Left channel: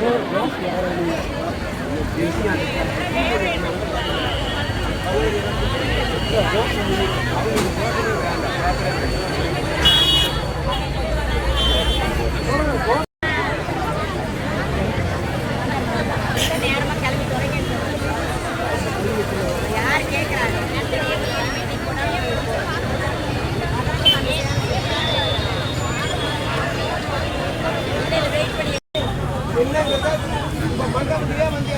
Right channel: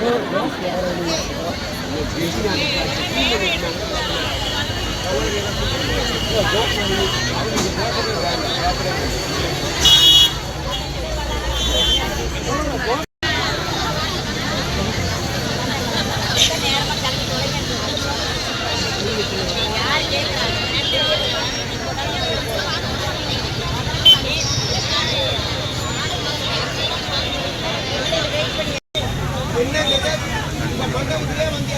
Thank you. இந்த மண்டபத்திலே வந்து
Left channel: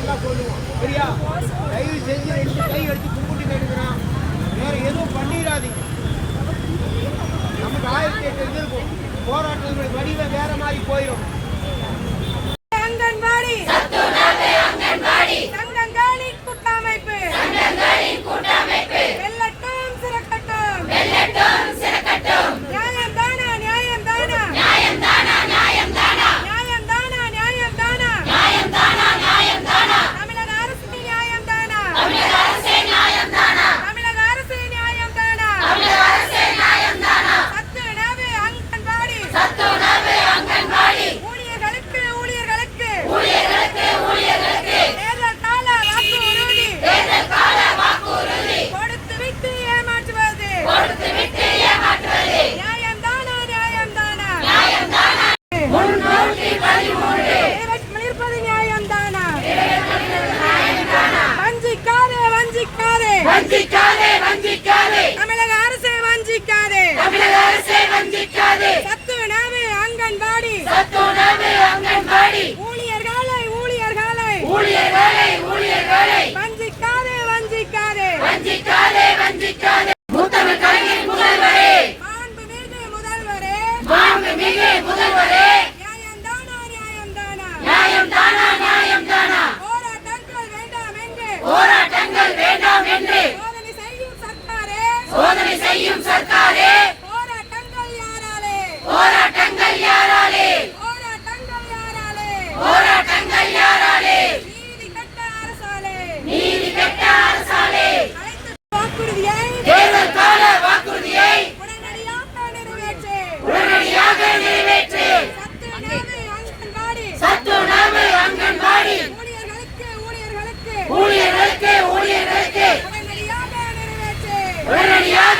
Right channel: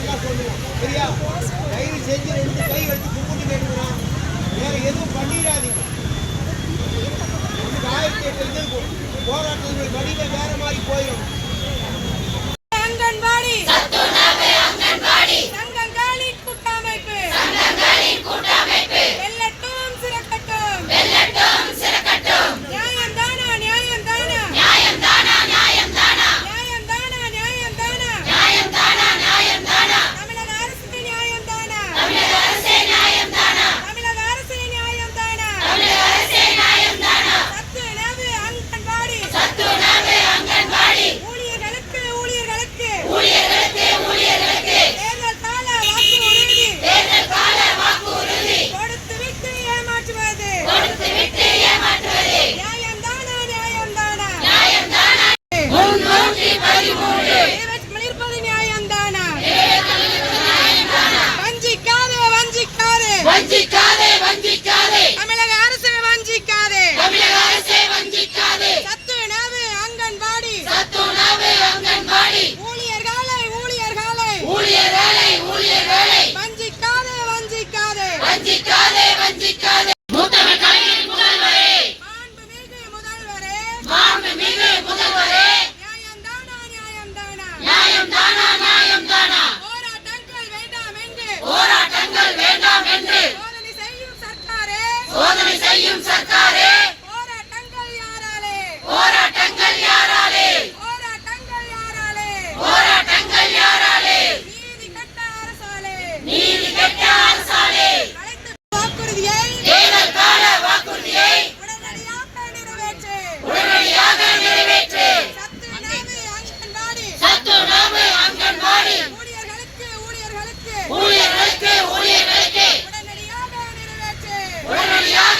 அங்கன்வாடி. சர்க்காரே. சோதனை செய்யும் சர்க்காரே.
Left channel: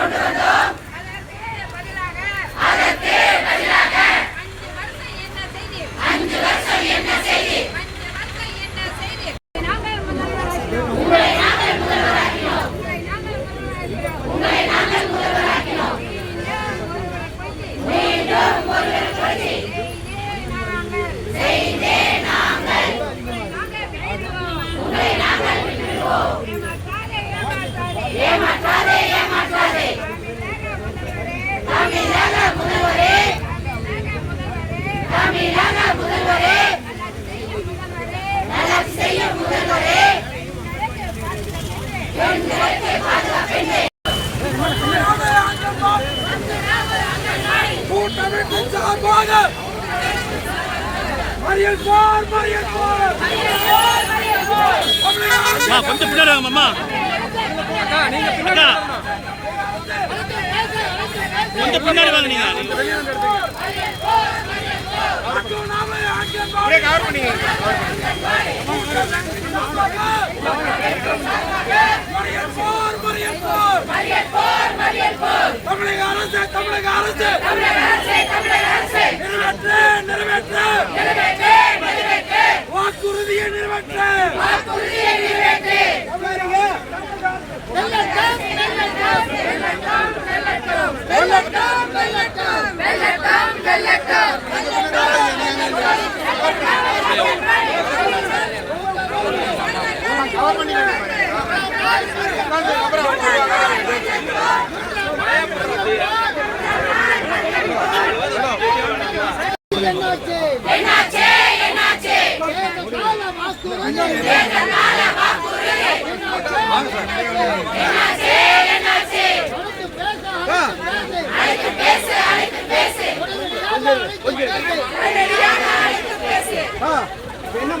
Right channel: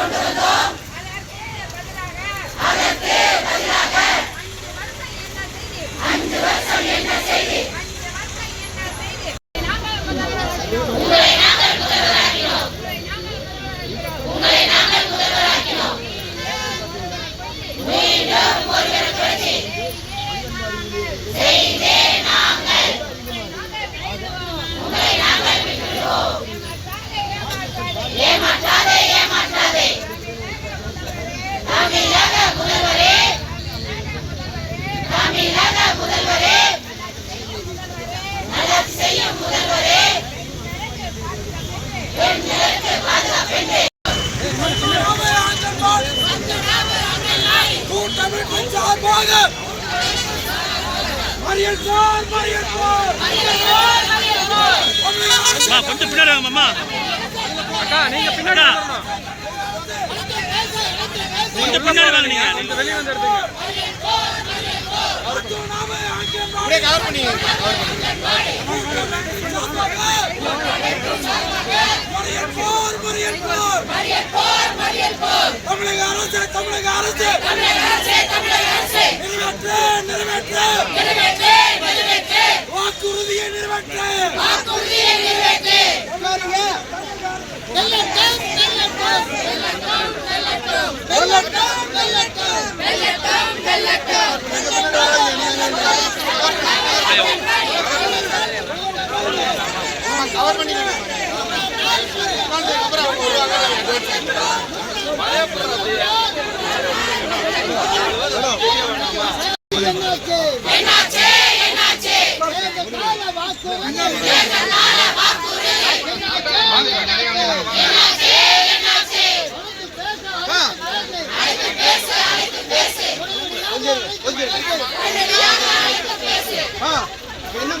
கொண்டு வந்தார் மறியல் போர் மறியல் போர் அம்மா கொஞ்சம் பின்னாடி வாங்க அம்மா. கொஞ்சம் பின்னாடி வாங்க நீங்க. நிறைவேற்று வாக்குறுதியை நிறைவேற்று பாருங்க என்னாச்சு என்னாச்சு என்னாச்சு கால வாக்குறுதி என்னாச்சு என்னாச்சு வா. அழைத்து பேசு அழைத்து பேசு கொஞ்சம் கொஞ்சம் உடனடியாக அழைத்து பேசு ஆ என்ன